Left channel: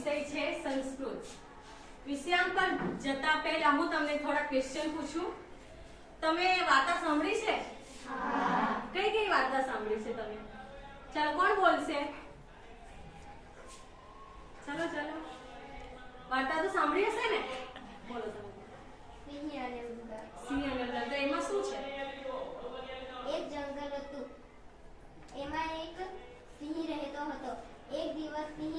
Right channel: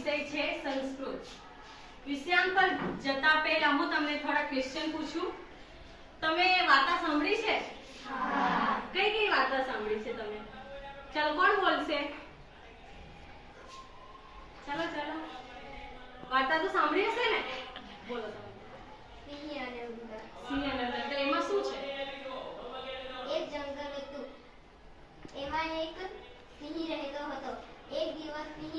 વિષય છે સંસ્કૃત. વિષયાંક પર જતા પહેલા હું તમને થોડા ક્વેશ્ચન પૂછું. તમે વાર્તા સાંભળી છે? હા. કઈ કઈ વાર્તા સાંભળી છે તમે? ચાલો કોણ બોલશે? ચાલો ચાલો, વાર્તા તો સાંભળી હશે ને? બોલો તમે. સિંહ અને ઉંદર. સિંહ અને ઉંદર. તો એમાં શું છે? એક જંગલ હતું. એમાં એક સિંહ રહેતો હતો. એક દિવસ સિંહ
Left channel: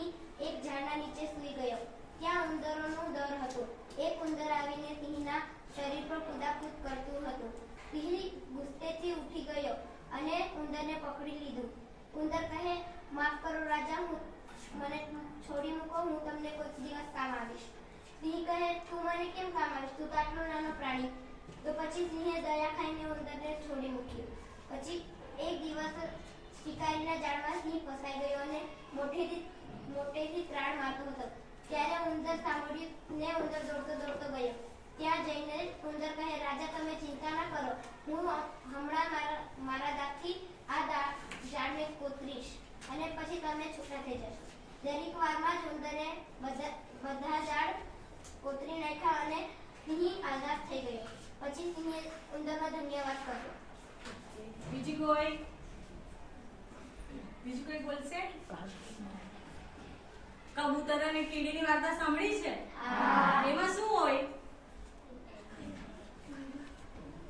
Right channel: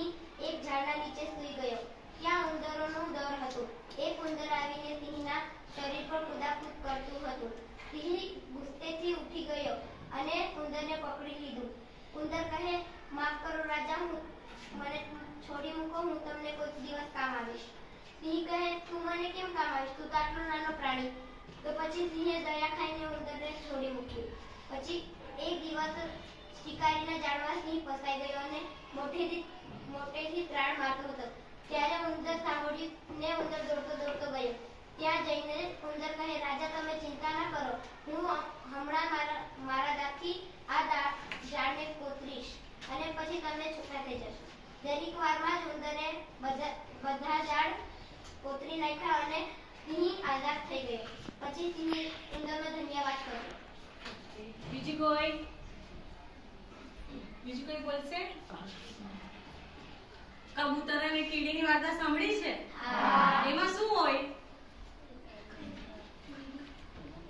એક ઝાડના નીચે સૂઈ ગયો. ત્યાં ઉંદરોનો દર હતો. એક ઉંદર આવીને સિંહના શરીર પર કૂદાકૂદ કરતું હતું. સિંહ ગુસ્સેથી ઉઠી ગયો અને ઉંદરને પકડી લીધું. ઉંદર કહે, માફ કરો રાજા, મને છોડી મૂકો, હું તમને કોઈક દિવસ કામ આવીશ. સિંહ કહે, તું મને કેમ કામ આવીશ? તું તો આટલો નાનો પ્રાણી. તો પછી સિંહે દયા ખાઈને ઉંદરને છોડી મૂક્યું. પછી એક દિવસ શિકારીના જાળમાં સિંહ ફસાઈ ગયો અને મોટેથી ત્રાણ મારતો હતો. ત્યારે ઉંદર સાંભળ્યું ને ઉંદર દોડતો દોડતો ગયો. ત્યાં જઈને ઉંદર કહે, રાજા તમે ચિંતા ના કરો, હું હમણાં મારા દાંતથી આ ઝાડને કોતરીશ અને પછી તમે છૂટા થઈ જશો. દરેક વારમાં જ ઉંદરે બધા ઝાડ કોતરી નાખ્યા અને સિંહ આઝાદ થઈ ગયો. પછી સિંહે ઉંદરનો ધન્યવાદ કર્યો. બીજું કોઈ બોલશે? કબૂતર અને કીડીની વાર્તા સાંભળી છે? હા. એમાં શું હોય?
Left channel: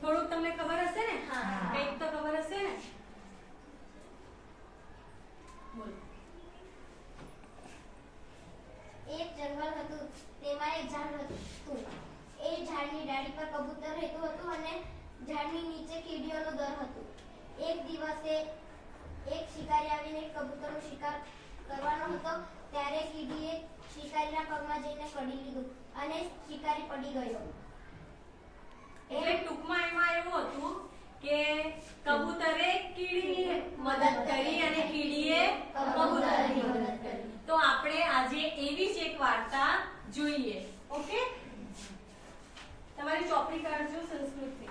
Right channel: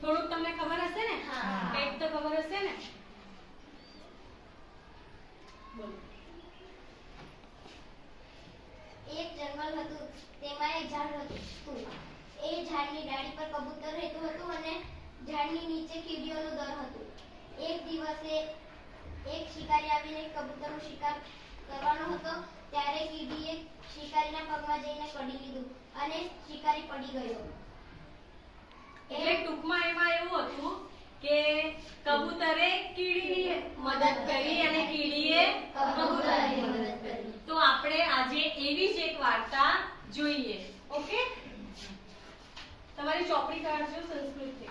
થોડુંક તમને ખબર હશે ને? હા. કંઈક તો ખબર હશે ને? બોલો. એક જંગલ હતું. તેમાં એક ઝાડ હતું. એ ઝાડની ડાળી પર કબૂતર રહેતું હતું અને ઝાડની નીચે કીડીઓનું દર હતું. એક દિવસે એક શિકારી આવીને કબૂતરનો શિકાર કરવાનો હતો. ત્યારે કીડીએ શિકારીના પગમાં જઈને કડી લીધું અને શિકારી પડી ગયો. એટલે ટૂંકમાં એમાં એવું હતું કે કબૂતરે કીડીની મદદ કરી અને કીડીએ કબૂતરની મદદ કરી. તો આપણે આજે એવી જ એક વાર્તા જોઈએ. ઓકે, તમારી ચોપડી કાઢજો સંસ્કૃતની.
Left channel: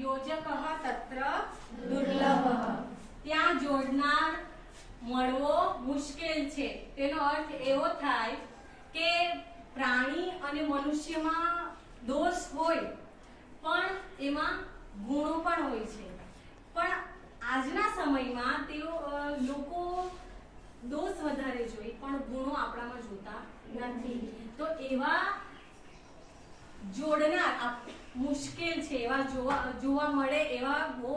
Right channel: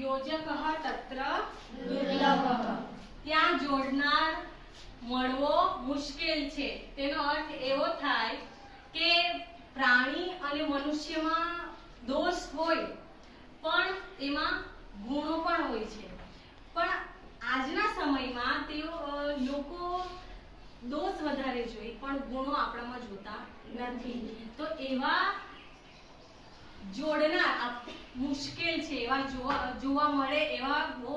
યોજક તત્ર દુર્લભ. ત્યાં જોડનાર મળવો મુશ્કેલ છે. તેનો અર્થ એવો થાય કે પ્રાણી અને મનુષ્યમાં દોષ હોય પણ એમાં ગુણો પણ હોય છે. પણ આજના સમયમાં લોકો દોષ વધારે જોઈ પણ ગુણો આપણામાં જોતા નથી. તો એવા જોડનાર મુશ્કેલ છે, એવા જોવા મળે એવા બહુ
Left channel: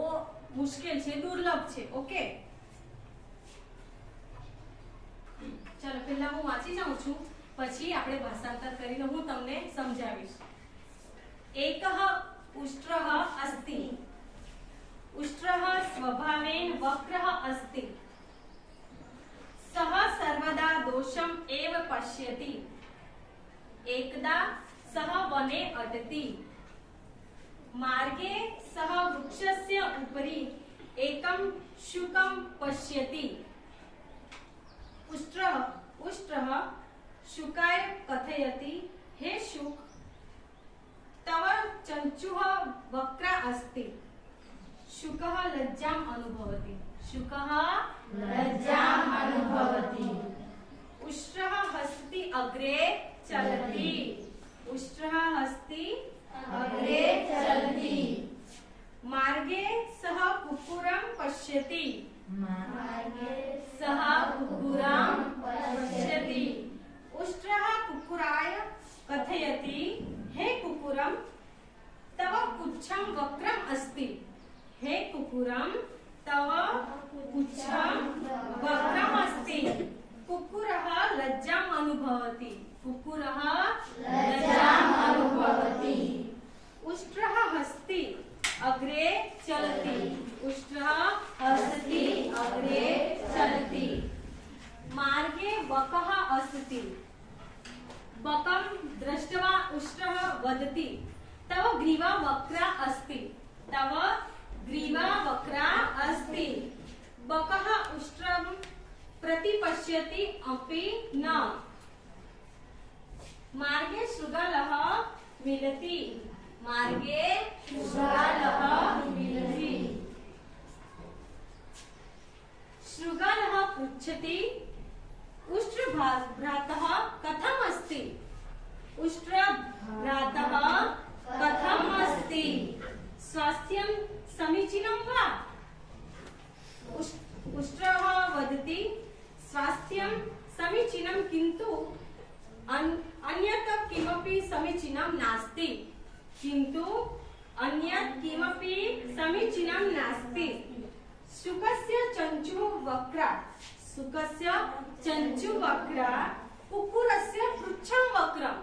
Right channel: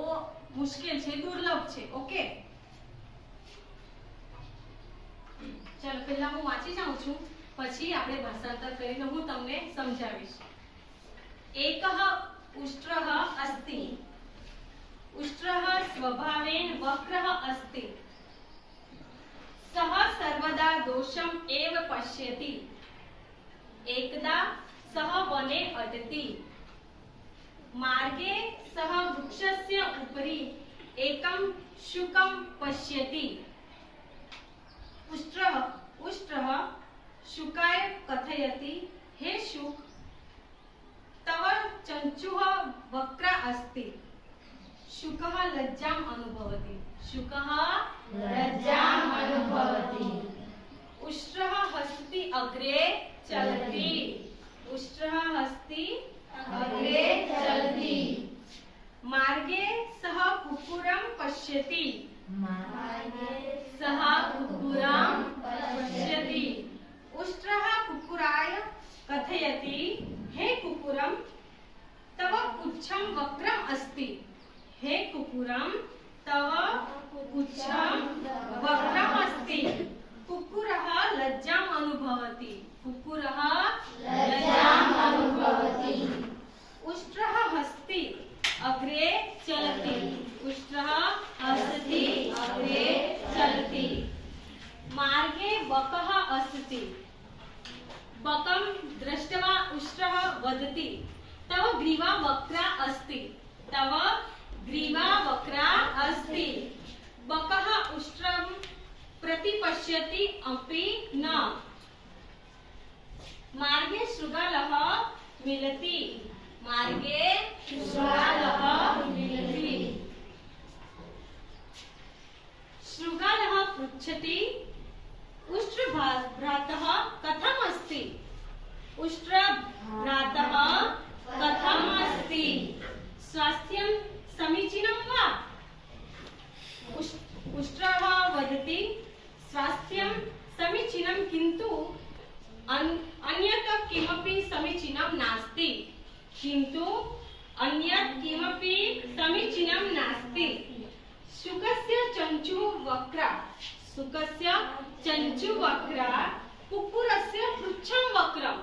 મુશ્કેલ છે, દુર્લભ છે. ઓકે, ચલો પહેલા હું વાંચી જાઉં છું, પછી આપણે ભાષાંતર કરીને હું તમને સમજાવીશ. એકઃ ઉષ્ટ્રઃ અસ્તિ. ઉષ્ટ્રઃ સ્વભાવેન વક્રઃ અસ્તિ. સઃ સર્વદા દોષમ એવ પશ્યતિ. એકદા સહ વને અટતિ. માર્ગે સહ વૃક્ષસ્ય ઉપરી એકમ શુકમ પશ્યતિ. ઉષ્ટ્રઃ શુકાય કથયતિ, હે શુક, તવ ચંચુઃ વક્ર અસ્તિ. શુકઃ લજ્જામ અનુભવતિ. શુકઃ લજ્જામ અનુભવતિ. ઉષ્ટ્રઃ હસ્તિ અગ્રે ચલતિ. ઉષ્ટ્રઃ હસ્તિ અગ્રે ચલતિ. માર્ગે સહ કુક્કુરમ પશ્યતિ. માર્ગે સહ કુક્કુરમ પશ્યતિ. ઉષ્ટ્રઃ કુક્કુરાય કથયતિ, હે કુક્કુરમ, તવ પુચ્છમ વક્રમ અસ્તિ. હે કુક્કુરમ, તવ પુચ્છમ વક્રમ અસ્તિ. कुक्कुरः लज्जाम् अनुभवति. कुक्कुरः लज्जाम् अनुभवति. उष्ट्रः हस्ति अग्रे चलति. उष्ट्रः हस्ति अग्रे चलति. मार्गे बकः अस्ति बकं दृष्ट्वा उष्ट्रः वदति तव ग्रीवा वक्रा अस्ति तव ग्रीवा वक्रा अस्ति बकः उष्ट्रं प्रतिपश्यति अपि न मार्गे शृगालः मिलति मार्गे शृगालः मिलति शृगालः पृच्छति उष्ट्रभ्रातः कथम् अस्ति उष्ट्रभ्रातः कथम् अस्ति स्वास्थ्यं समीचीनं वा उष्ट्रः वदति स्वास्थ्यं समीचीनं किन्तु अन्यत् किमपि समीचीनं नास्ति किन्तु अन्यत् किमपि समीचीनं नास्ति शुकस्य चञ्चुः वक्रा शुकस्य चञ्चुः वक्रा कुक्कुरस्य पृच्छं वक्रं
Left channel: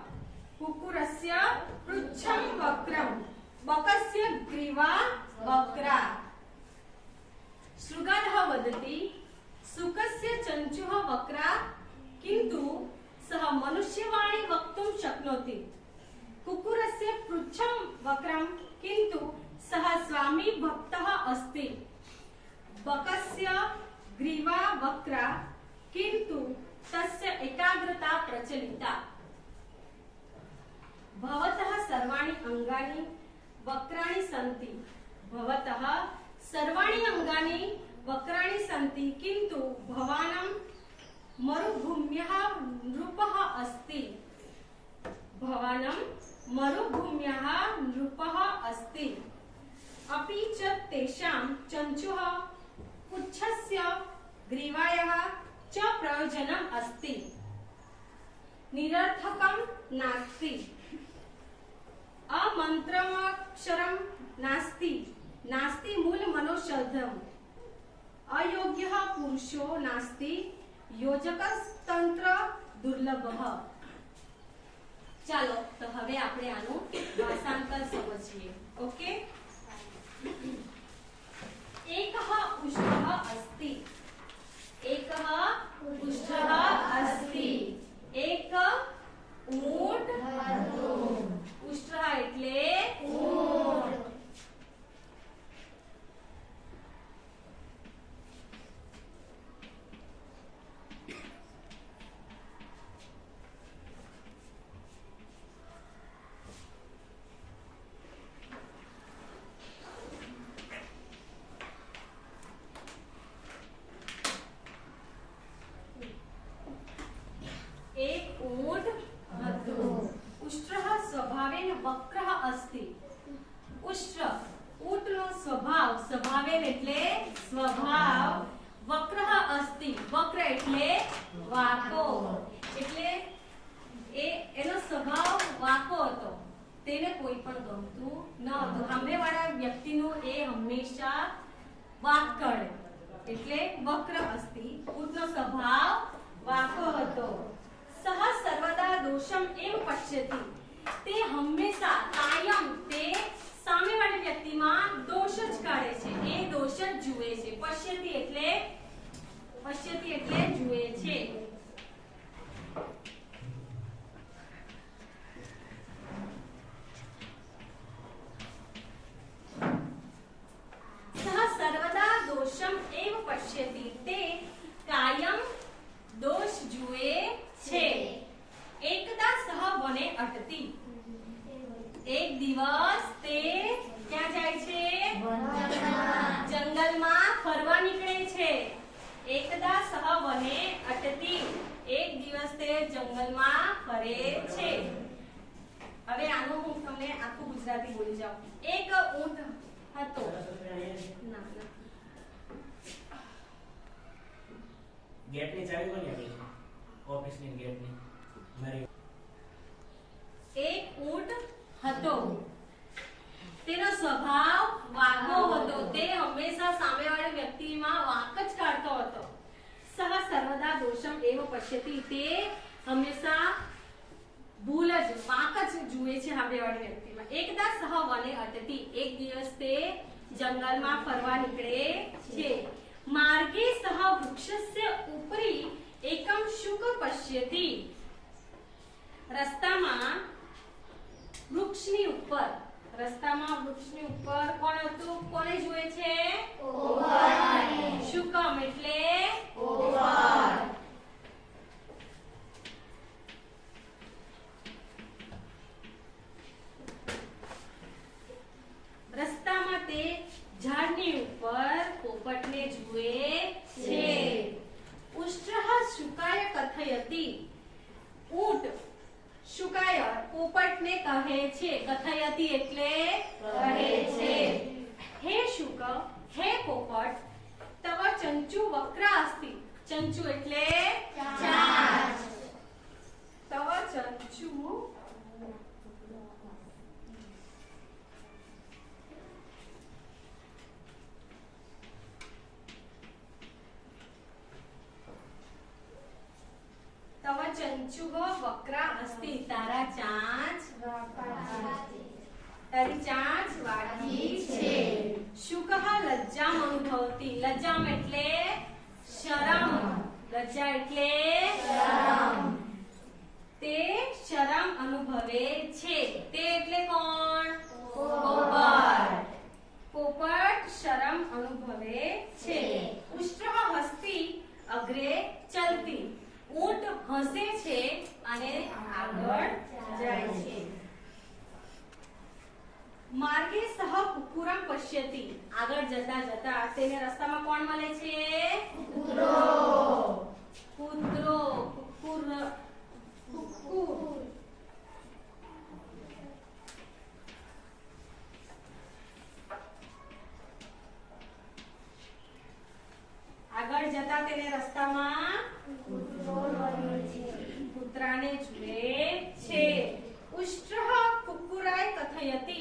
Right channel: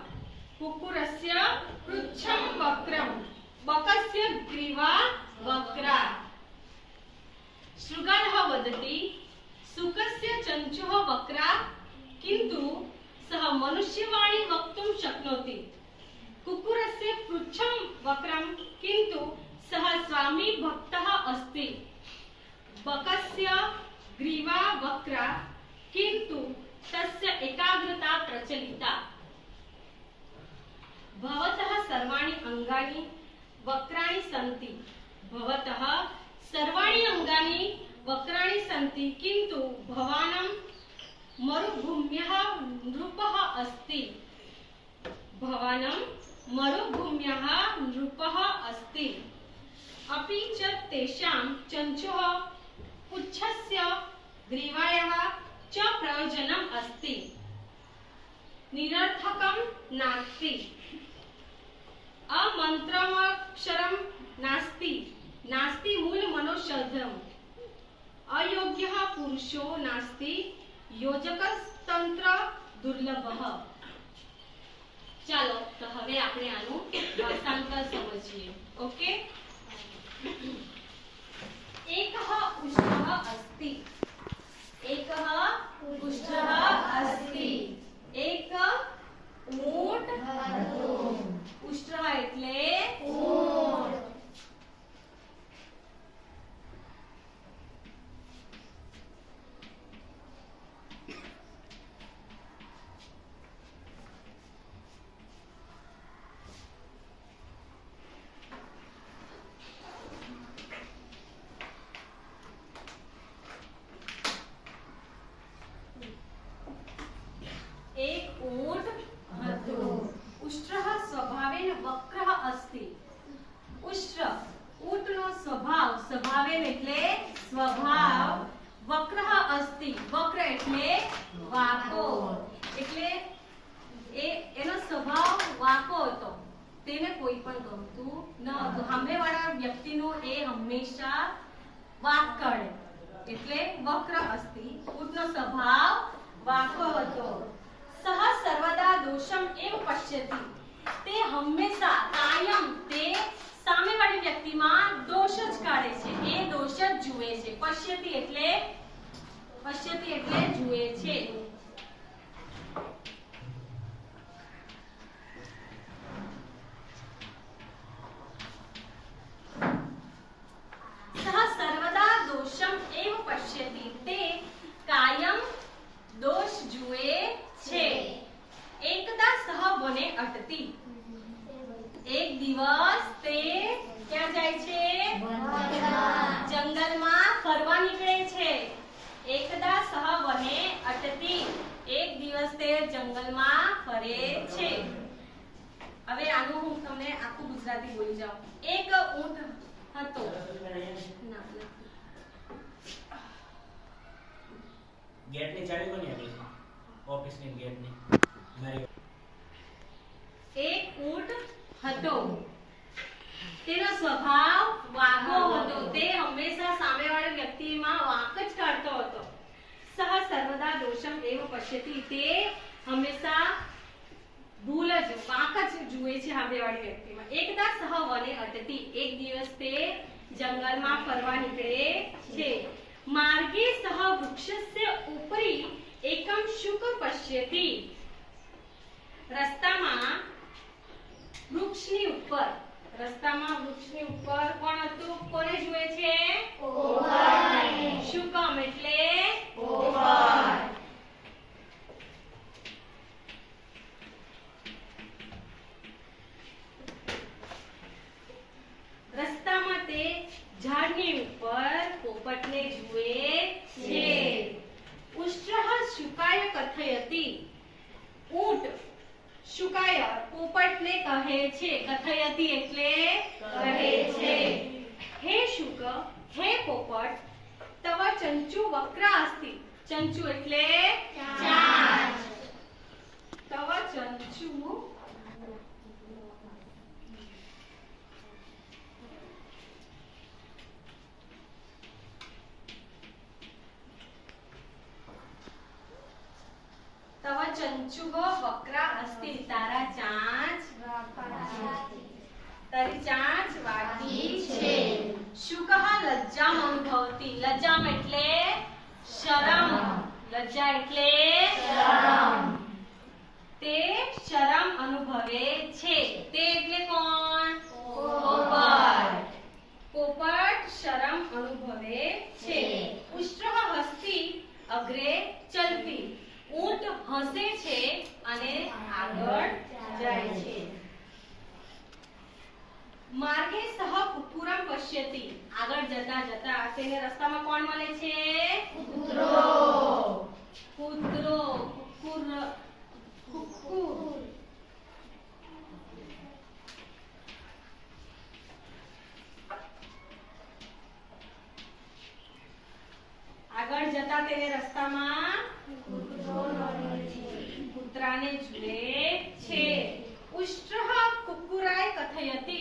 कुक्कुरस्य पृच्छं वक्रं बकस्य ग्रीवा वक्रा शृगालः वदति शुकस्य चञ्चुः वक्रा किन्तु सः मनुष्यवाणी वक्तुं शक्नोति कुक्कुरस्य पृच्छं वक्रं किन्तु सः स्वामी भक्तः अस्ति बकस्य ग्रीवा वक्रा किन्तु तस्य एकाग्रता प्रचलिता भवतः सर्वाणि अंगानि वक्राणि सन्ति भवतः सर्वाणि अंगानि वक्राणि सन्ति किन्तु भवानं मरुभूम्यः नृपः अस्ति भवानं मरुभूम्यः नृपः अस्ति अपि च तेषां चञ्चुः पुच्छस्य ग्रीवायाः च प्रयोजनम् अस्ति निरर्थकं नास्ति अमन्त्रमक्षरं नास्ति नास्ति मूलमनोषधम् अयोग्यः पुरुषो नास्ति योजकस्तंत्र दुर्लभः ચાલો તો હવે આપણે આનું ભાષાંતર સમજીએ ઓકે एकः उष्ट्रः अस्ति एकः उष्ट्रः अस्ति एक ऊंट उष्ट्रः એટલે ऊंट एक ऊंट હતો ઉષ્ટ્રः સ્વભાવેન વક્રः अस्ति ઉષ્ટ્ર ઊંટનો સ્વભાવેન એટલે સ્વભાવ વક્રः अस्ति વક્ર એટલે વાકો એટલે એનો સ્વભાવ વાકો હતો તેને કોઈ પણ ગમતું ન હતું સામેવાળા વ્યક્તિનો એ હંમેશા વાક કરે એટલે વક્ર अस्ति ઊંટનો સ્વભાવ વાકો હતો सह सर्वदा दोषम एव पश्यति ते हमेशा कायम ते सामेवाળી વ્યક્તિમાં દોષ જ કાઢે છે એ દોષ જ જુએ છે પશ્યતિ એટલે જુએ છે सह सर्वदा दोषम एव पश्यति ते कायम दोष जुए छे एकदा सह वने अटती एक दिवस ते क्या जाय छे जंगल में फरवा निकळे छे एकदा सह वने अटती एक दिवस ते जंगल में फरे छे હવે આનું હું તમને આખું ગુજરાતી બોલી જાઉં એક ઊંટ હતો ના गेट ની ચાવી કોની આપી છે ઓફિસ ની गेट ની મારી એક ઊંટ હતો તેનો સ્વભાવ વાઘો હતો તે હંમેશા સામેવાળા વ્યક્તિમાં વાક જ કાઢતો હતો સહ સર્વદા દોષમ એવ પશ્યતિ તે હંમેશા ભૂલ જ વાક જ જુએ છે સામેવાળી વ્યક્તિમાં એકદા સહ વને અટતી એક દિવસ તે જંગલમાં ફરવા નીકળે છે मार्गे सह वृक्षस्य उपरि એકમ શુક પશ્યતિ રસ્તામાં વૃક્ષની ઉપર કોણ હતું? કોને જુએ છે? શુકમ એટલે રસ્તામાં તે ઝાડની ઉપર પોપટને જુએ છે. ઉષ્ટ્રઃ શુકાય કથયતિ ઊંટ શુકાય પોપટને કહે છે. કથયતિ એટલે કહે છે. હે શુક, હે પોપટ, તવ ચંચુ વક્રા અસ્તિ. ચંચુ એટલે ચાંચ. તવ ચંચુ તવ ચંચુવ વક્રા અસ્તિ. તારી ચાંચ વાકી છે. શુકઃ લજ્જામ અનુભવતી. લજ્જામ એટલે શરમ. લજ્જા એટલે શરમ. તે શરમ અનુભવે છે. તે એટલે કોણ? પોપટ. પોપટ શરમ અનુભવે છે. ઉષ્ટ્રઃ હસ્તી અગ્રે ચલતી. ઊંટ હસે છે અને આગળ જાય છે. માર્ગે સહ કુકુરમ પશ્યતિ. આગળ જતા જતા તેને રસ્તામાં કોણ મળે છે? કૂતરો. કુકુર. આગળ જતા તેને રસ્તામાં કૂતરાને જુએ છે. ઉષ્ટ્રઃ કુકુરાય કથયતિ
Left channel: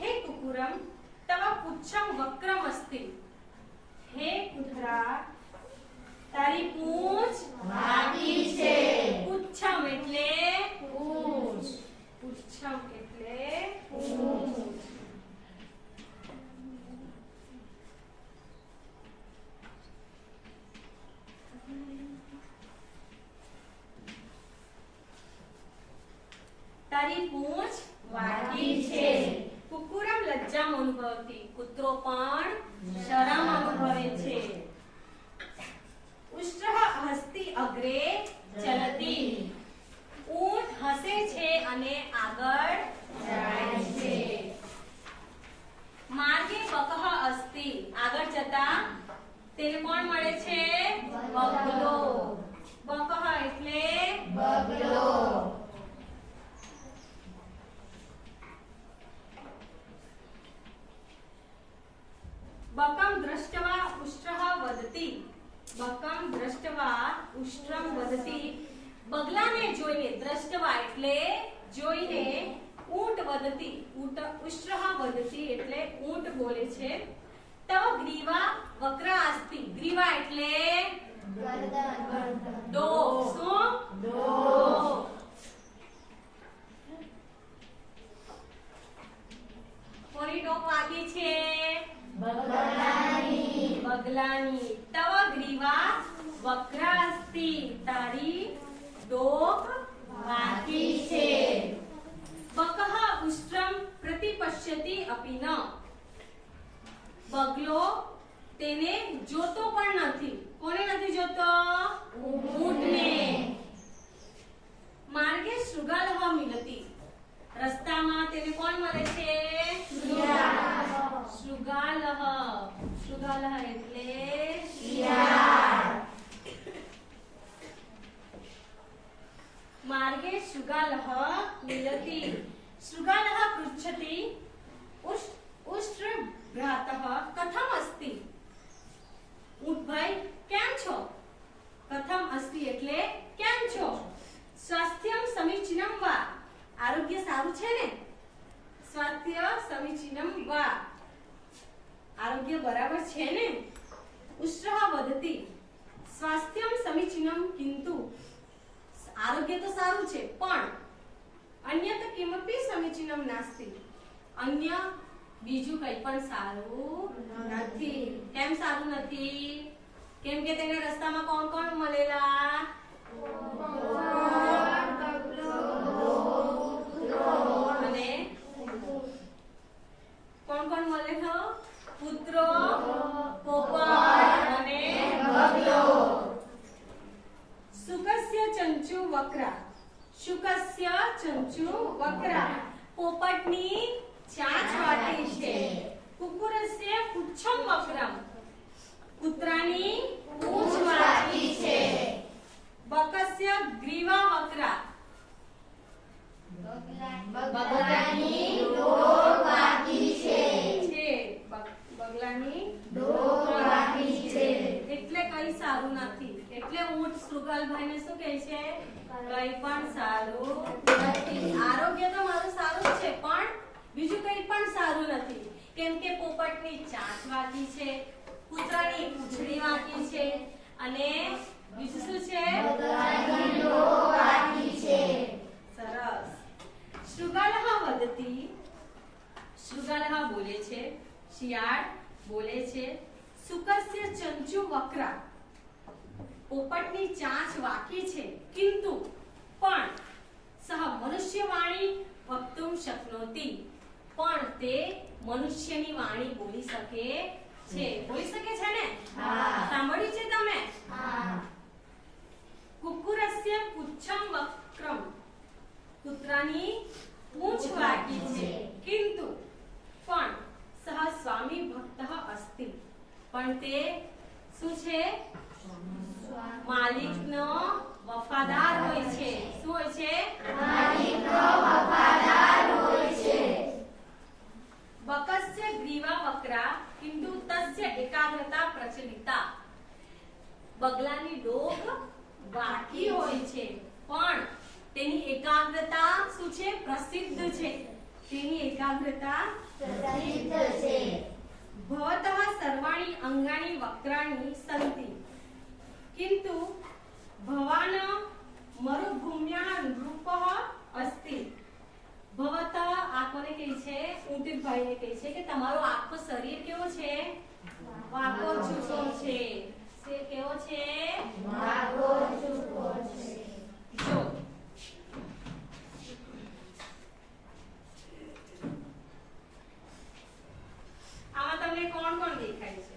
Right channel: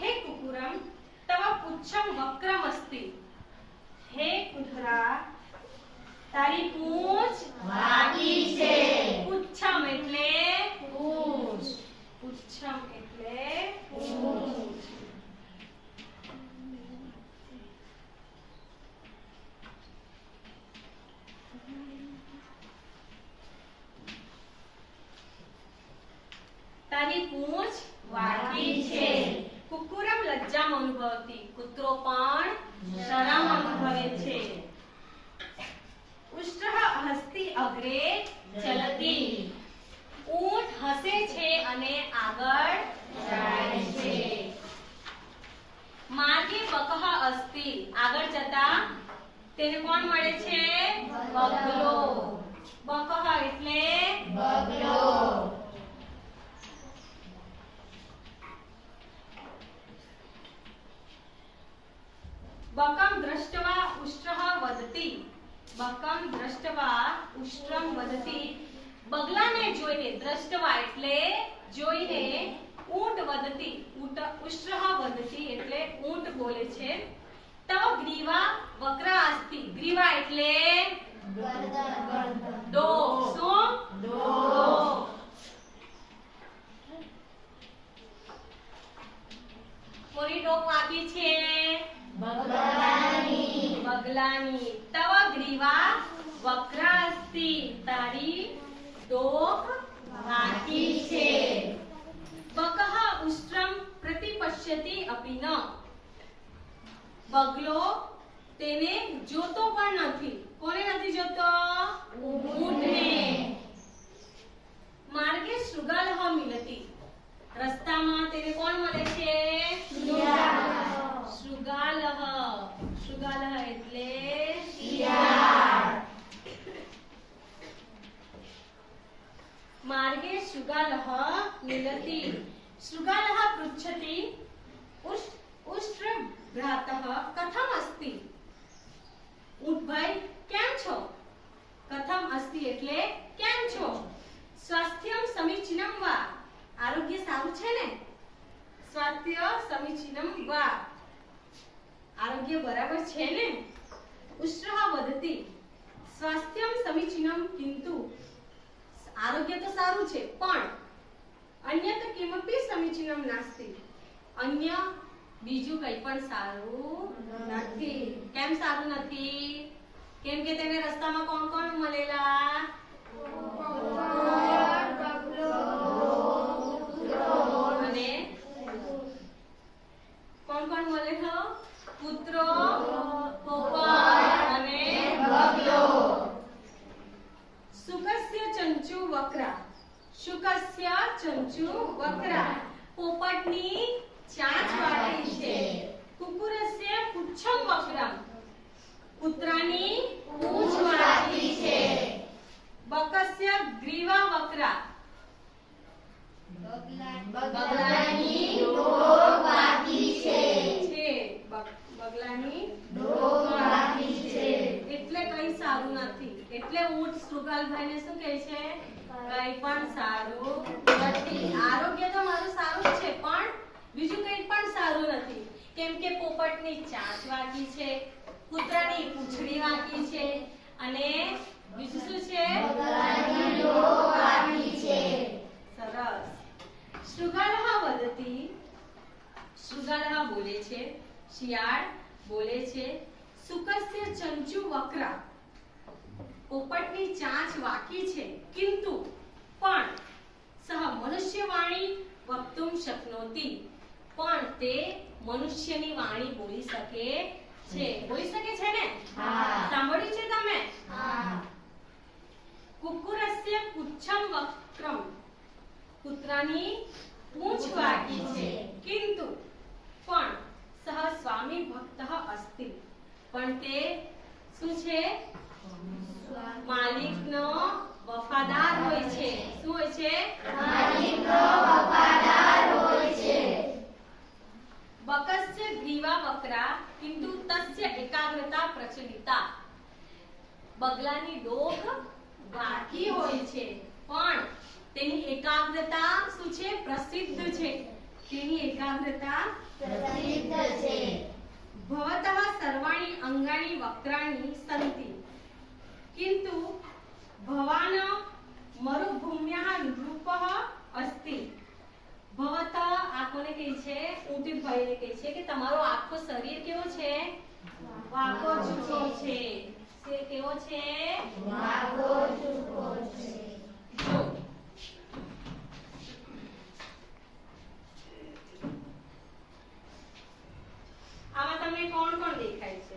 હે કુકુરમ તવ પુચ્છમ વક્રમ અસ્તિ. હે કૂતરા, તારી પૂંછ વાકી છે. પુચ્છમ એટલે પૂંછ. પુચ્છમ એટલે પૂંછ. તારી પૂંછ વાકી છે. કુકુરમ લજ્જામ અનુભવતી. કૂતરો પણ શરમ અનુભવે છે. ઉષ્ટ્રઃ હસ્તી અગ્રે ચલતી. ઊંટ હસે છે અને આગળ જાય છે. માર્ગે બકઃ અસ્તિ. આગળ જતા તેને કોણ મળે છે? બગલો. બકઃ એટલે બગલો. બકમ દ્રષ્ટવા ઉષ્ટ્રઃ વદતિ. બકમ દ્રષ્ટવા ઉષ્ટ્રમ વદતિ. બગલાને જોઈને, દ્રષ્ટવા એટલે જોઈને, ઊંટ વદતિ. ઉષ્ટ્રઃ વદતિ એટલે ઊંટ બોલે છે. તવ ગ્રીવા વક્રા અસ્તિ. ગ્રીવા એટલે ડોક. શું? ડોક. કોની ડોક વાકી છે? બગલાની. તવ ગ્રીવા વક્રા અસ્તિ. તારી ડોક વાકી છે. બકઃ ઉષ્ટ્રમ પ્રતિપશ્યતિ અપિ ન. બગલો તેને જોતો પણ નથી. કોને નથી જોતો? ઊંટને. માર્ગે શૃગાલઃ મિલતિ. રસ્તામાં તેને કોણ મળે છે? શૃગાલઃ. શૃગાલઃ એટલે શિયાળ. માર્ગે શૃગાલઃ મિલતિ. શૃગાલઃ પૃચ્છતિ ઉષ્ટ્ર ભ્રાતઃ કથમ અસ્તિ. ઊંટભાઈ કેમ છો? કથમ અસ્તિ એટલે કેમ છો? સ્વાસ્થ્યમ સમીચીનમ વા. આરોગ્ય સારું છે ને? સ્વાસ્થ્ય સમીચીનમ વા. આરોગ્ય બરાબર છે ને? ઉષ્ટ્રઃ વદતિ સ્વાસ્થ્યમ સમીચીનમ કિંતુ. આરોગ્ય તો સારું છે પણ અન્યત કિમપી સમીચીનમ નાસ્તિ. અન્ય બીજું કંઈ પણ સારું નથી. કેમ સારું નથી? કેમ કે તેને રસ્તામાં કોણ કોણ મળેલા? અને કોણ કોણ મળેલો? કૂતરો, પોપટ અને બગલો. શુકસ્ય ચંચુ વક્રા. શુકસ્ય ચંચુ વક્રા. પોપટની ચાંચ વાટી છે. કુકુરસ્ય પુચ્છમ વક્રમ. કૂતરાની પૂંછ વાટી છે. બકસ્ય ગ્રીવા વક્રા. બગલાની ડોક વાટી છે. બગલાની ડોક વાટી છે. એટલે કઈ સારું નથી. એટલે ઊંટ શૃગાલભાઈને શું કહે છે? કઈ પણ સારું નથી. આરોગ્ય તો મારું સારું જ છે, પણ બીજું કઈ પણ સારું નથી. કેમ કે પોપટની ચાંચ વાગી છે, કૂતરાની પૂંછડી વાગી છે અને બીજું શું છે? બગલાની ડોક વાગી છે. સરસ. શૃગાલઃ વદતિ. શૃગાલઃ બોલે છે, શિયાળ બોલે છે, શુકસ્ય ચંચુ વક્રા. પોપટની ચાંચ વાકી છે, કિંતુ પણ સહ મનુષ્યવાણી વક્તુમ શક્નોતિ. પણ તે મનુષ્યની વાણી બોલી શકે છે. બોલી શકે છે ને? હા. સાંભળ્યું છે તમે? હા. કુકુરસ્ય પુચ્છમ વક્રમ. કૂતરાની પૂંછ વાકી છે, કિંતુ પણ સહ સ્વામી ભક્તઃ અસ્તિ. પણ તે શું છે? માલિકનો વફાદાર હોય છે. શું હોય છે? માલિકનો વફાદાર હોય છે. બકસ્ય ગ્રીવા વક્રા કિંતુ તસ્ય એકાગ્રતા પ્રચલિતા. બગલાની ડોક વાકી હોય છે, પણ તેની એકાગ્રતા શું છે? પ્રસિદ્ધ છે. તેની એકાગ્રતા પ્રસિદ્ધ છે. ભવતઃ સર્વાણી અંગાની વક્રાણી સંતિ કિંતુ ભવાન મરુભૂમ્યાઃ નૃપઃ અસ્તિ. ભવતઃ આ કોને કહે છે? ઊંટભાઈને કહે છે કે તમારો આખો શરીર કેવો છે? વાકો ચૂકો છે. તે કેવો છે? વાકો ચૂકો છે. જો આમાં તમને કોણ કોણ દેખાય છે?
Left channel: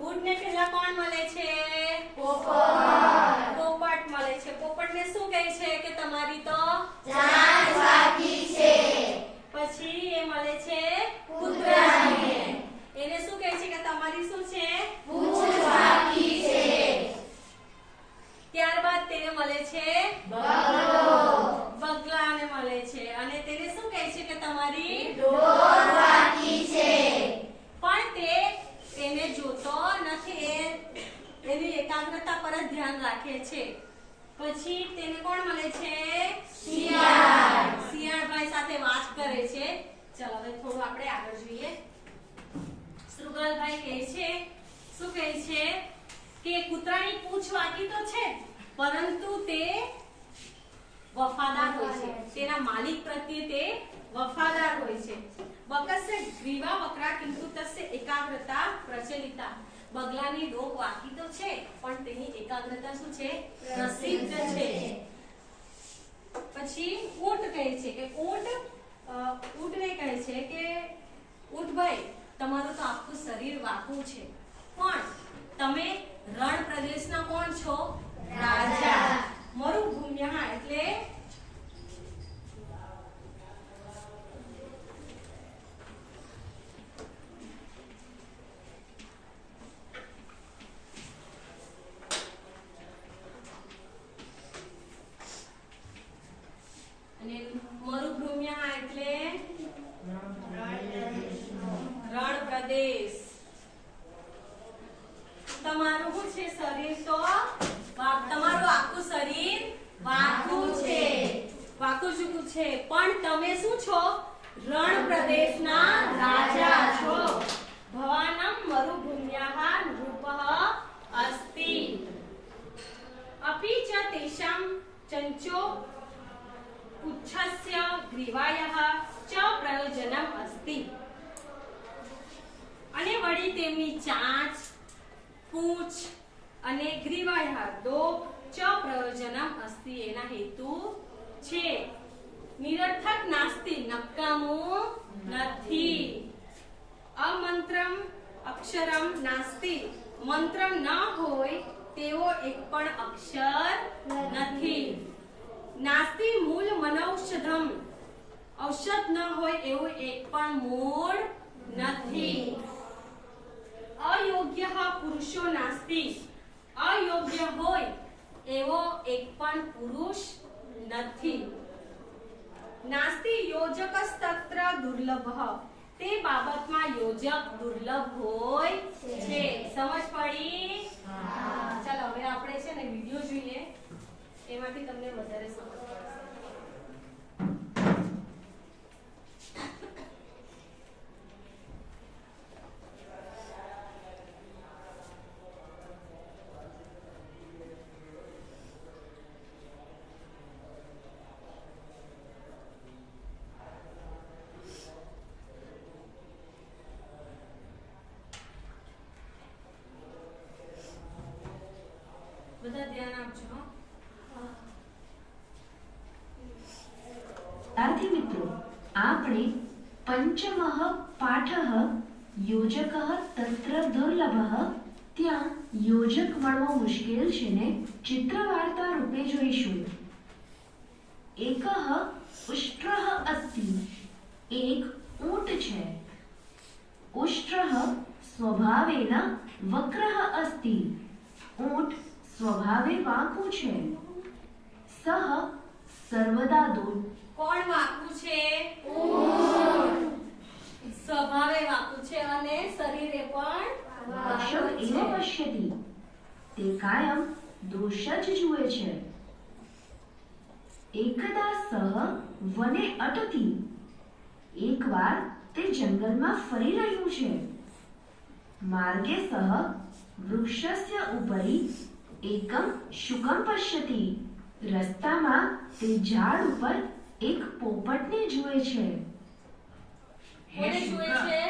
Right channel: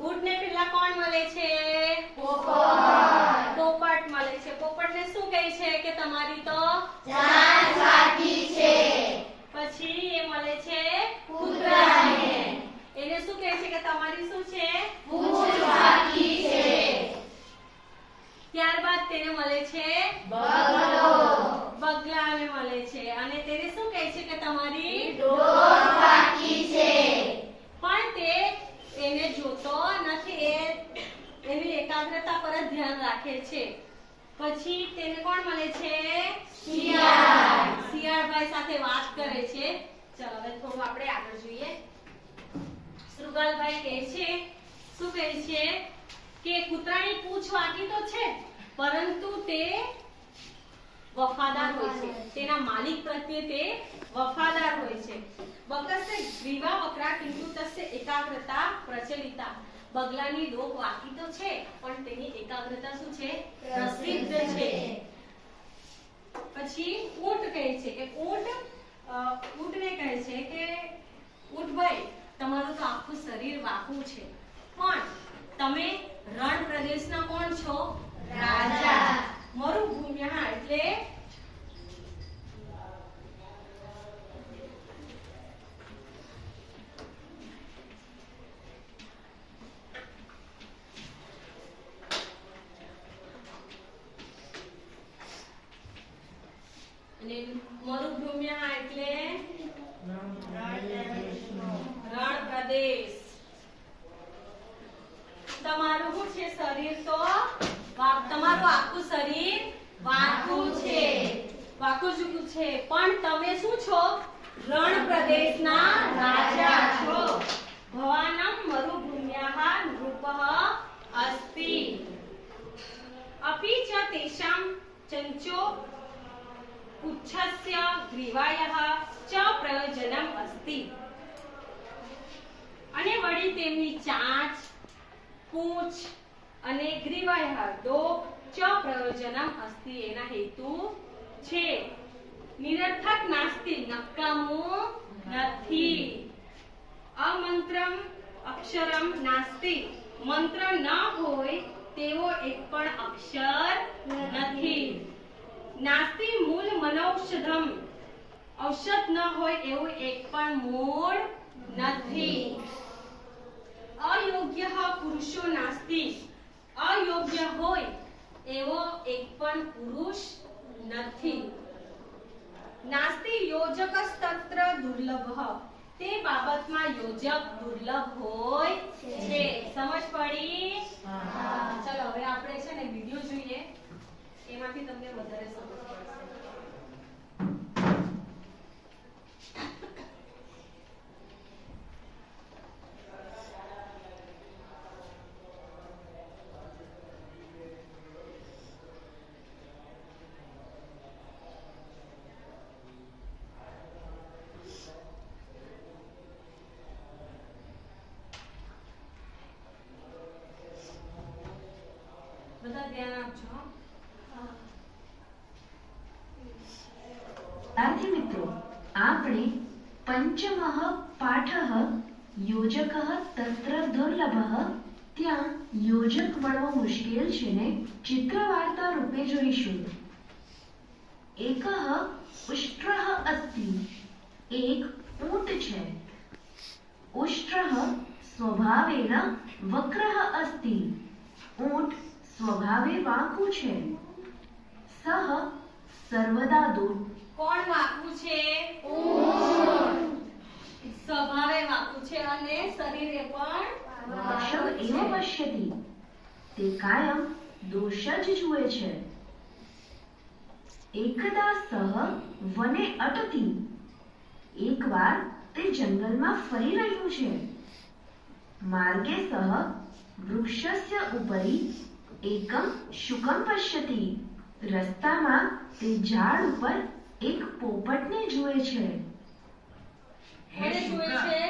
ઊંટને પહેલા કોણ મળે છે? પોપટ મળે છે. પોપટને શું કહે છે કે તમારી તો ચાંચ વાગી છે. પછી એ મળે છે કૂતરાને. એને શું કહે છે કે તમારી શું છે? પૂંછ વાગી છે. ત્યારબાદ તેને મળે છે બગલાને મળે છે અને તેને શું કહે છે કે તમારી ડોક વાગી છે. પણ તે એને જોતો નથી. એની એકાગ્રતા પર જ ધ્યાન રાખે છે. પછી તેને કોણ મળે છે? શિયાળ. શિયાળભાઈ સાથે વાત કરે છે. ચલો હવે થોડું આપણે આગળ જોઈએ. શૃગાલભાઈ કહે છે, શું કહે છે કે કૂતરાની પૂંછ વાગી તો છે, પરંતુ તે વફાદાર હોય છે. તેના માલિક પ્રત્યે તે વફાદાર હોય છે. બકસ્ય ગ્રીવા વક્રા કિંતુ તસ્ય એકાગ્રતા પ્રચલિતા. બગલાની ડોક વાગી તો છે, પણ તેની એકાગ્રતા શું છે? પ્રસિદ્ધ છે. પછી ઊંટ કહે છે કે ઊંટને કહે છે કે ઊંટભાઈ તમારું તો આખું શરીર વાકું છે, પણ તમે રણ પ્રદેશના કોણ છો? રાજા. મરુભૂમ્યા એટલે અને મરુભૂમ્યા એટલે રણ પ્રદેશ. તમારું શું છે? શરીર તો તમારું આખું શરીર વાકું છે, વાકું ચૂકું છે, પણ તમે શું છો? રણ પ્રદેશના રાજા છો. ભવાનમ મરુભૂમ્યાઃ નૃપઃ અસ્તિ. અપી ચ તેષાં ચંચો પુચ્છસ્ય ગ્રીવાયઃ ચ પ્રયોજનમ અસ્તિ. અને વળી તેમની ચાંચ, પૂંછ અને ગ્રીવાયઃ ડોક ચ પ્રયોજનમ અસ્તિ એના હેતુ છે. નિરર્થક નાસ્તિ નકામું નથી. અમંત્રમ અક્ષરમ નાસ્તિ મંત્ર ન હોય તેવો એક પણ અક્ષર નથી. નાસ્તિ મૂળ મનૌષધમ ઔષધ ન હોય એવું એક પણ મૂળ નથી. અયોગ્ય પુરુષો નાસ્તિ અયોગ્ય હોય એવો એક પણ પુરુષ નથી. નાસ્તિ યોજકસ્તત્ર દુર્લભ તે બાબતમાં યોજક દુર્લભ હોય છે. સમજ પડી? ચાલો હવે આપણે છે ને વિડિયો જોઈએ, એમાંથી તમને વધારે સમજ પડશે. બધા ધ્યાન આપજો. વિદ્યાર્થી મિત્રો, આપણે પંચમઃ પાઠઃ યોજકઃ તત્ર દુર્લભઃ ત્યાં યોજક મળવો મુશ્કેલ છે ને ચિત્ર વાર્તા રૂપે જોઈશું. એકઃ ઉષ્ટ્રઃ અસ્તિ એક ઊંટ છે. ઉષ્ટ્રઃ સ્વભાવેન વક્રઃ અસ્તિ ઊંટ સ્વભાવે વાંકું છે. સહ સર્વદા દૂર કોણ વાંકું છે? ઊંટ. સ્વભાવે વાંકું છે અને શરીરે પણ દોષમ એવ પશ્યતિ તે કાયમ દોષ જ જુએ છે. એકદા સહ વને અટતિ એકવાર તે જંગલમાં ફરી રહ્યું છે. માર્ગે સહ વૃક્ષસ્ય ઉપરી એકમ શુકમ પશ્યતિ રસ્તામાં તે ઝાડ ઉપર એક પોપટને જુએ છે. કોને જુએ છે?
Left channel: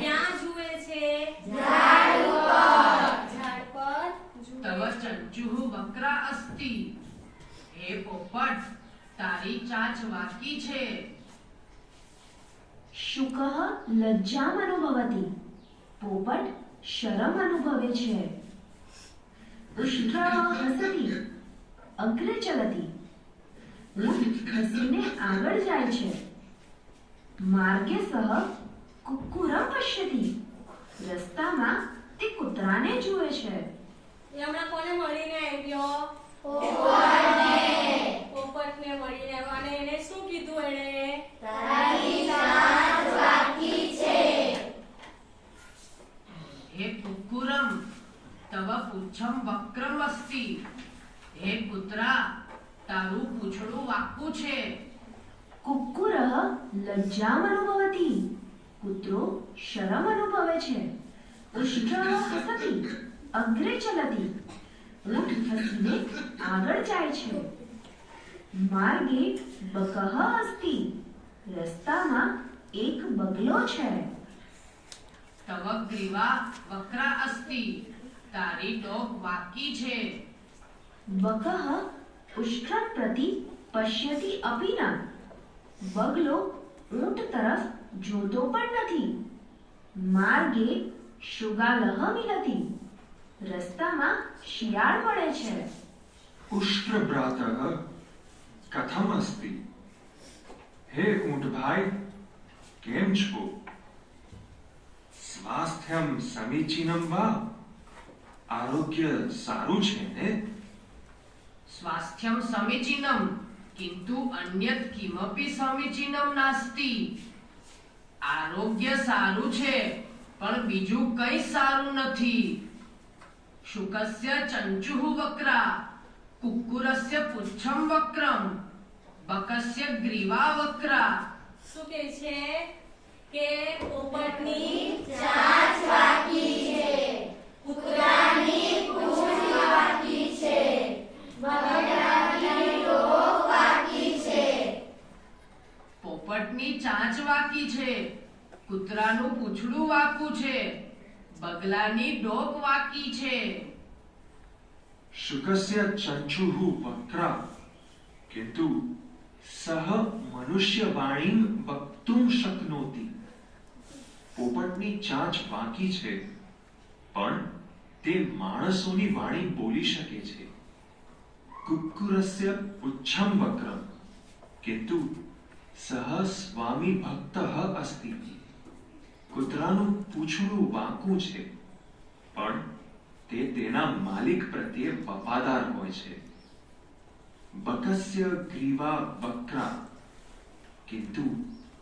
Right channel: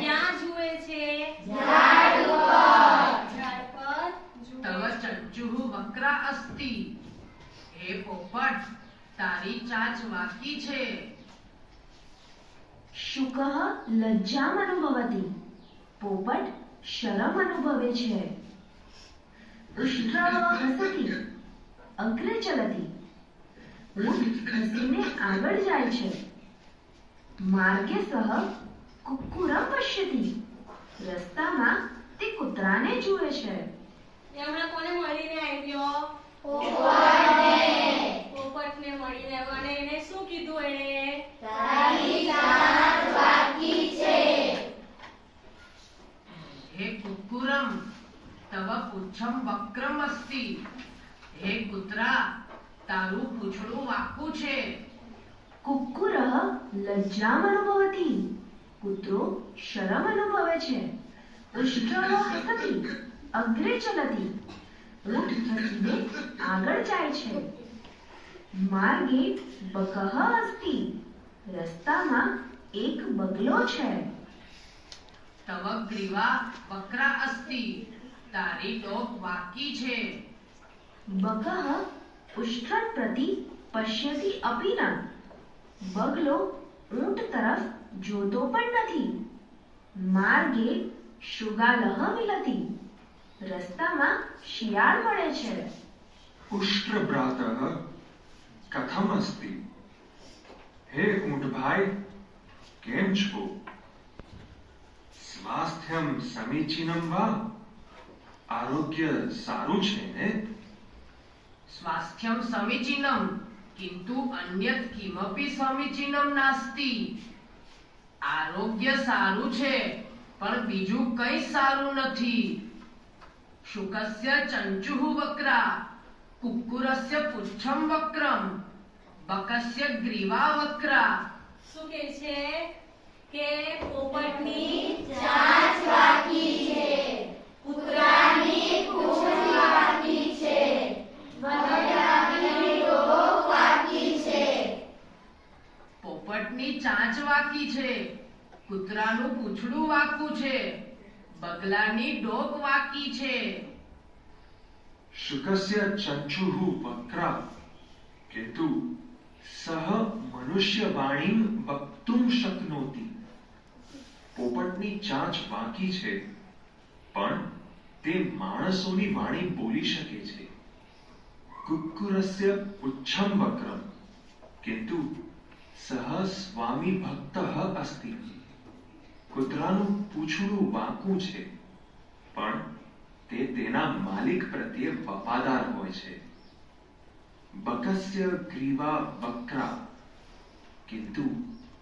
ક્યાં જુએ છે? ઝાડ પર તવ જુએ છે. ચંચુઃ વક્રા અસ્તિ હે પોપટ તારી ચાંચ વાકી છે. શુકઃ લજ્જામ અનુભવતિ પોપટ શરમ અનુભવે છે. ઉષ્ટ્રઃ હસતિ અગ્રે ચલતિ ઊંટ હસીને આગળ જાય છે. માર્ગે સહ કુક્કુરમ પશ્યતિ રસ્તામાં તે કૂતરાને જુએ છે. એ હમણાં કોને મળીને આવ્યો? પોપટને મળીને આવ્યો અને એને શું કીધું? એણે હે કુક્કુરમ તવ પુચ્છમ વક્રમ અસ્તિ હે કૂતરા તારું પૂંછડું વાંકું છે. કુક્કુરઃ લજ્જામ અનુભવતિ કૂતરો શરમ અનુભવે છે. ઉષ્ટ્રઃ હસતિ અગ્રે ચલતિ ઊંટ હસીને આગળ જાય છે. માર્ગે બકઃ અસ્તિ રસ્તામાં એક બગલો છે. તવ ગ્રીવા વક્રા અસ્તિ તારી ડોક વાકી છે. બકઃ ઉષ્ટ્રં પ્રતિ પશ્યતિ અપી ન બગલો ઊંટ તરફ જોતો પણ નથી. માર્ગે શુગાલહ મિલતિ રસ્તામાં શિયાળ મળે છે. उष्ट्रभ्रातः कथम अस्ति हे ऊंट भाई केम छो स्वास्थ्यम समीचीनम वा आरोग्य सारू छे ने સ્વાસ્થ્યમ સમીચીનમ કિંતુ અન્યત કિમપી સમીચીનમ નાસ્તિ આરોગ્ય સારું છે પણ બીજું કંઈ સારું નથી. શુકસ્ય ચંચુઃ વક્રા કુક્કુરસ્ય પુચ્છમ વક્રમ બકસ્ય ગ્રીવા વક્રા. શું કહે છે કે પોપટની ચાંચ વાકી છે, કૂતરાની પૂંછ વાકી છે, બગલાની ડોક ચાંચ વાકી છે, કૂતરાનું પૂંછડું વાંકું છે, બગલાની ડોક વાંકી છે. शुकस्य चञ्चुः वक्रा किन्तु सः मनुष्यवाणीं वक्तुं शक्नोति. પોપટની ચાંચ વાંકી છે પણ તે માણસોની વાણી બોલી શકે છે. કુક્કુરસ્ય પુચ્છમ વક્રમ કિંતુ સહ સ્વામી ભક્તઃ અસ્તિ. કૂતરાનું પૂંછડું વાંકું છે પણ તે તેના માલિક પ્રત્યે વફાદાર હોય છે. બકસ્ય ગ્રીવા વક્રા કિંતુ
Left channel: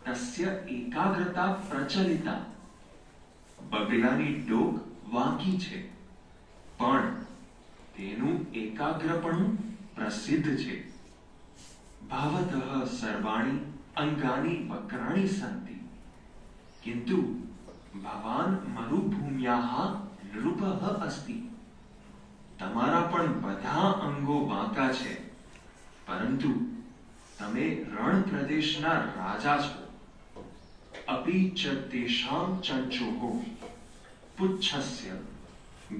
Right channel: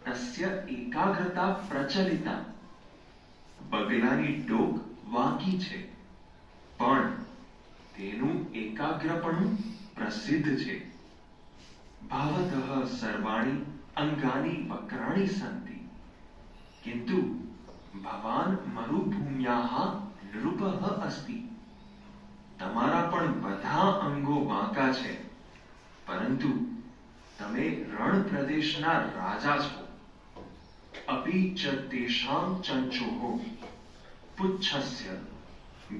તસ્ય એકાગ્રતા પ્રચલિતા. બગલાની ડોક વાંકી છે પણ તેનું એકાગ્રપણું પ્રસિદ્ધ છે. ભાવતઃ સર્વાણી અંગાની વક્રાણી સંતિ કિંતુ ભવાન મરુભૂમ્યાઃ નૃપઃ અસ્તિ. તમારા પણ બધા અંગો વાંકા છે પરંતુ તમે રણ પ્રદેશના રાજા છો. અપી ચ તેષાં ચંચોઃ પુચ્છસ્ય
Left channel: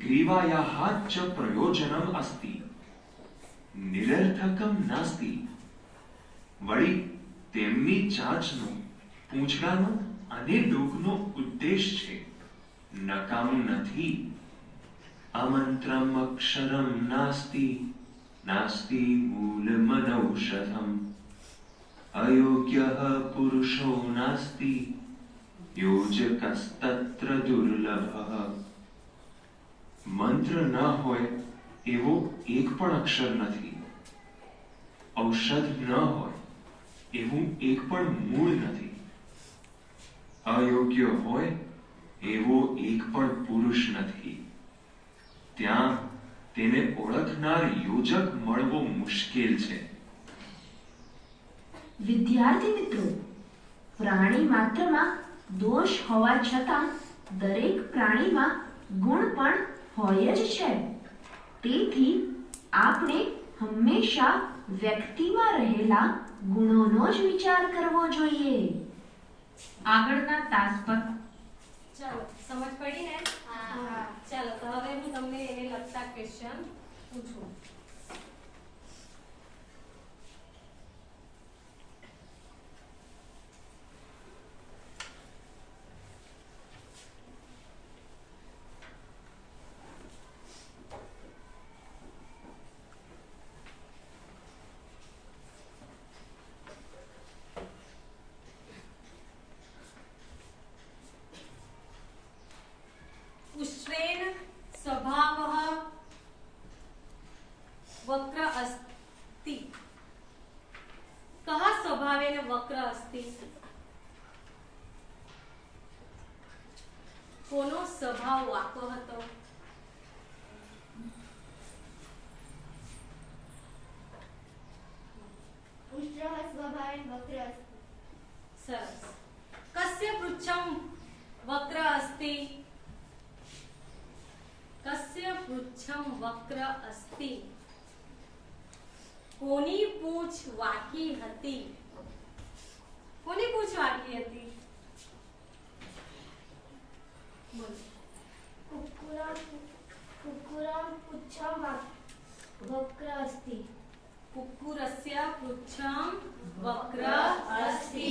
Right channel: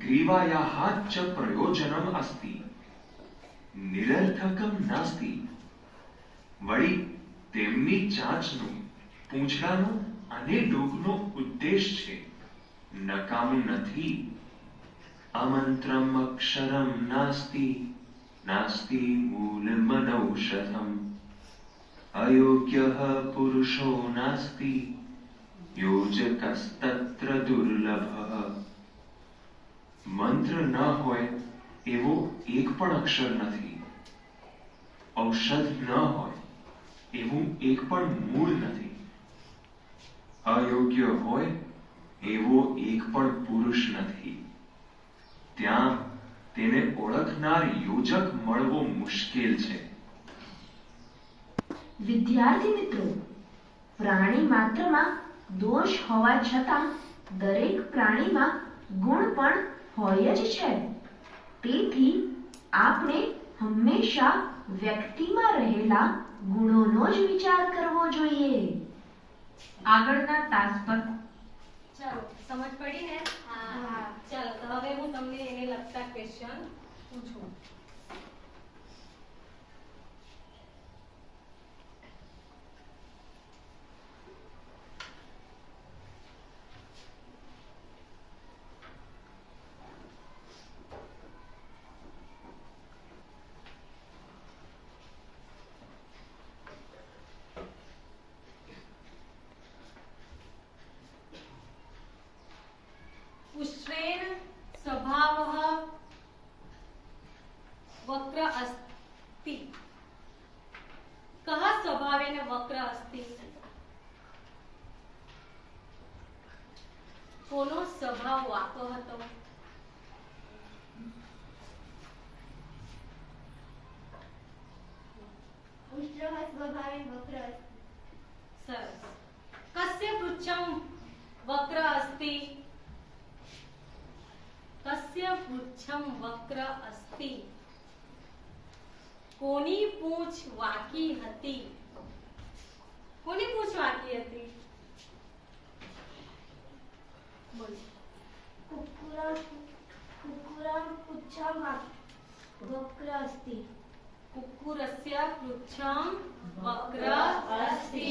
ગ્રીવાયાઃ ચ પ્રયોજનમ અસ્તિ નિરર્થકમ નાસ્તિ. વળી તેમની ચાંચનો, પૂંછડાનો અને ડોકનો ઉદ્દેશ છે નકામું નથી. અમંત્રમ અક્ષરમ નાસ્તિ નાસ્તિ મૂલમનૌષધમ અયોગ્યઃ પુરુષો નાસ્તિ યોજકસ્તત્ર દુર્લભઃ. મંત્ર ન હોય એવો એક પણ અક્ષર નથી. ઔષધ ન હોય એવું એક પણ મૂળ નથી. અયોગ્ય હોય એવો એક પણ પુરુષ નથી. ત્યાં તેને ઓળખનાર યોજક મળવો મુશ્કેલ છે. વિદ્યાર્થી મિત્રો, પ્રાણી માત્રમાં દોષ હોવા છતાં દરેક પ્રાણીમાં ગુણ પણ હોય જ છે. તેથી આપણે હંમેશા વ્યક્તિમાં રહેલા ગુણોનો જ વિચાર કરવો જોઈએ. આગળના તાસ પર ચાલો, સમજ પડી ને? હા. ચાલો, તો હવે હું તમને એને લગતા ક્વેશ્ચન પૂછું. उष्ट्रेण स्वभावः वक्र अस्ति. कः स्वभावेन वक्र अस्ति? કોનો સ્વભાવ વાંકો હતો? ઉષ્ટ્રઃ સ્વભાવેન વક્ર અસ્તિ. સરસ. કસ્ય પૃચ્છમ વક્ર अस्ति? કસ્ય પૃચ્છમ વક્ર अस्ति? કોની પૂંછ વાંકી હતી? કોની પૂંછ વાંકી હતી? બોલો. कुक्कुरं पुच्छं वक्र अस्ति. कुक्कुरस्य पुच्छं वक्र अस्ति.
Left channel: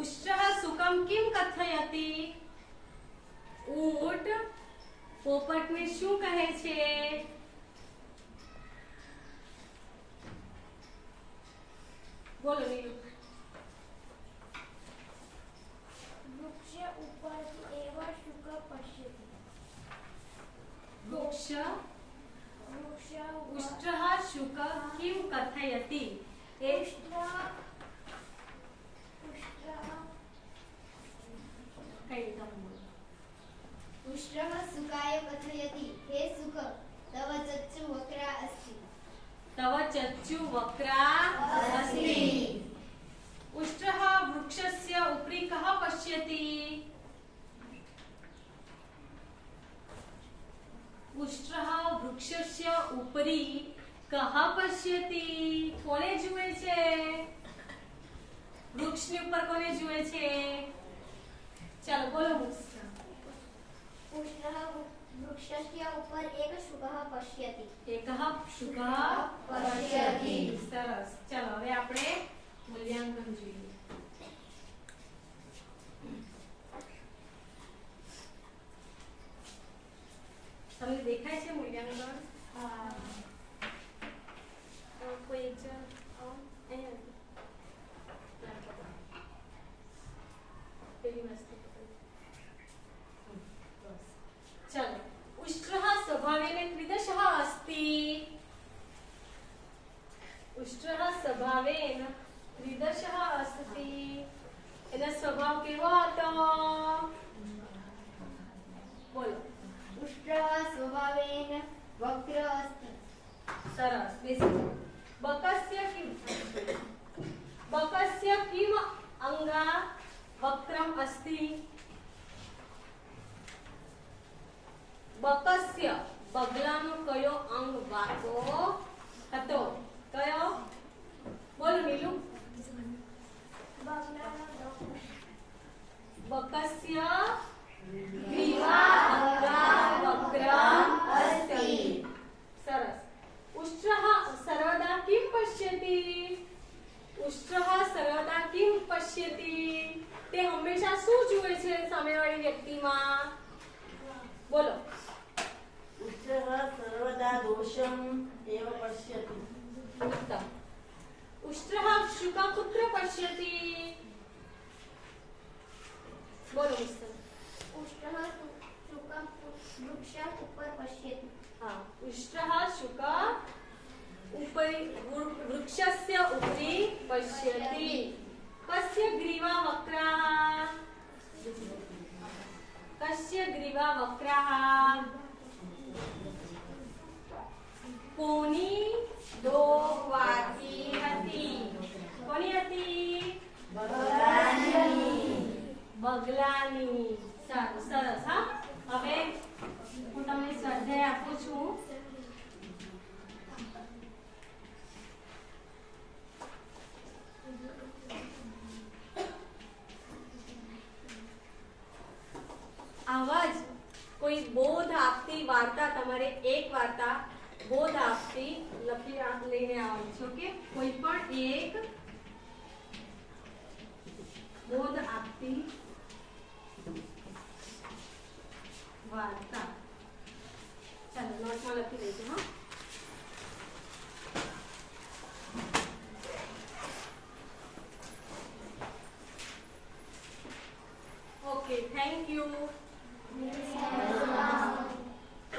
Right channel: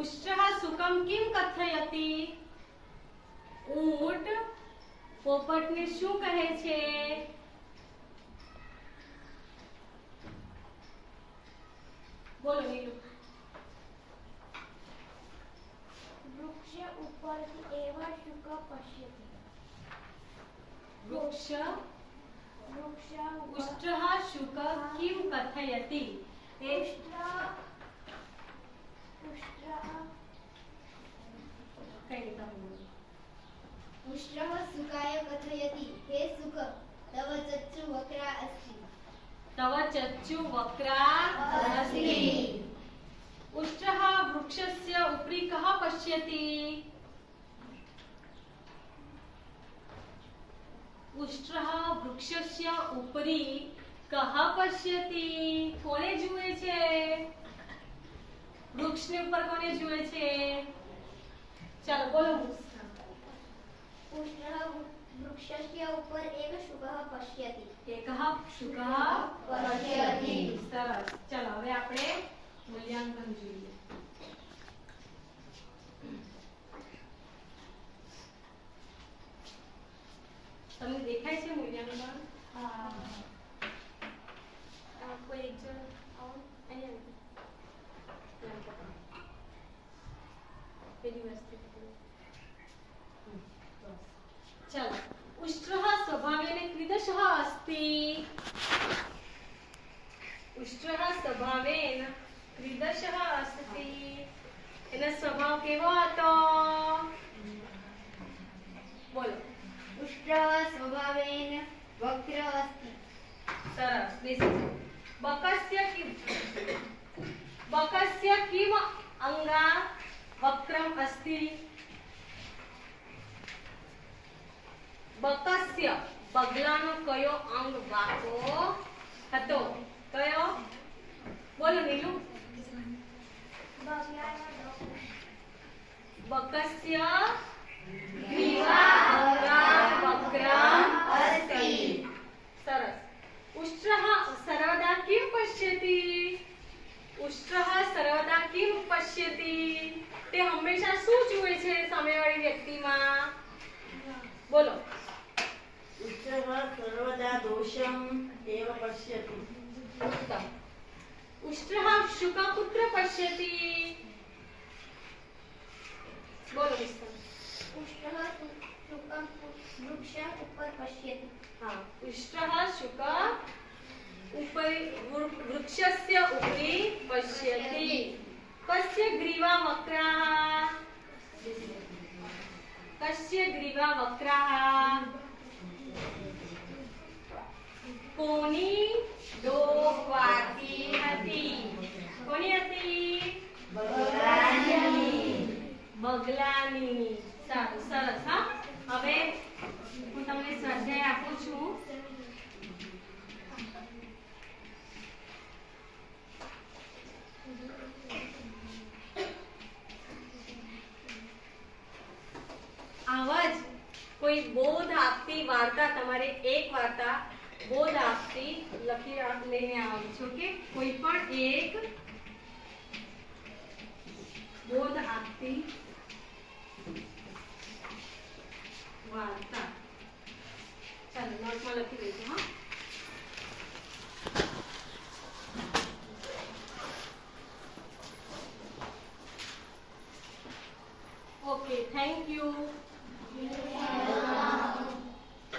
उष्ट्रः सुखं किं कथयति? ऊंट પોપટને શું કહે છે? બોલો નીલુ. વૃક્ષ ઉપરથી એવા શુક પશ્યતિ. વૃક્ષ વૃક્ષ ઉષ્ટ્રः શુક કિમ કથયતિ? કઈ રીતે બોલો? उष्ट्रः सुखाय कथयति. हे सुख, तव चक्षु वक्रा अस्ति. तव चक्षु वक्रा अस्ति. उष्ट्रः वृक्षस्य उपरि कः पश्यति? उष्ट्रः वृक्षस्य उपरि कः पश्यति? કોને જુએ છે? વૃક્ષની ઉપર કોને જુએ છે? ચાલો બોલો. ઉષ્ણઃ વૃક્ષસ્ય ઉપર એક શુકઃ પશ્યતિ. એકઃ શુકઃ પશ્યતિ. સરસ. ચાલો હવે આપણે મૂલ્યાંકન જોઈએ. તમને દેખાય છે મૂલ્યાંકન? કોઈ એક જણ અહીંયા પેલી વસ્તુ चलो. उष्ट्रः स्वभावेन कीदृशः अस्ति? उष्ट्रः स्वभावेन कीदृशः अस्ति? એનો સ્વભાવ કેવો હતો? બોલો. ઉષ્ટ્રઃ સ્વભાવેન વક્ર અસ્તિ. સરસ. બેસી જાઓ. બકસ્ય કિમ અંગા વક્રમ અસ્તિ? બકસ્ય બગલાનો કયો અંગ વાંકો હતો? કયો? બોલો નીલુ. બકસ્ય ગ્રીવા વક્રમ અસ્તિ. સરસ. ઉષ્ટ્રઃ સર્વદા કિમ પશ્યતિ? ઉષ્ટ્રઃ સર્વદા કિમ પશ્યતિ? તે હંમેશા શું જુએ છે સામેવાળી વ્યક્તિમાં? બોલો. ઉષ્ટ્રઃ સર્વદા દોષમ એવ પશ્યતિ. उत्तम. उष्ट्रः शुकः कुत्र पश्यति? बोलो मिस्टर. ઉષ્ટ્રઃ શુકં વૃક્ષ ઉપર પશ્યતિ. हाँ. उष्ट्रः शुकः वृक्षस्य उपरि पश्यति. कस्य ग्रीवा वक्राः? कस्य ग्रीवा वक्राः? કોની ડોક વાકી હતી? કોની હતી? બગલાની. સારું. સરસ. હા, હવે હું તમને સ્વાધ્યાય આપું છું. આવા જ કોઈ બોધ આપતી વાર્તા, તમારે એક વાર્તા બોધ આપતી લઈને આવવાનું છે. ઓકે? કોઈ પણ એક બોધ આપતી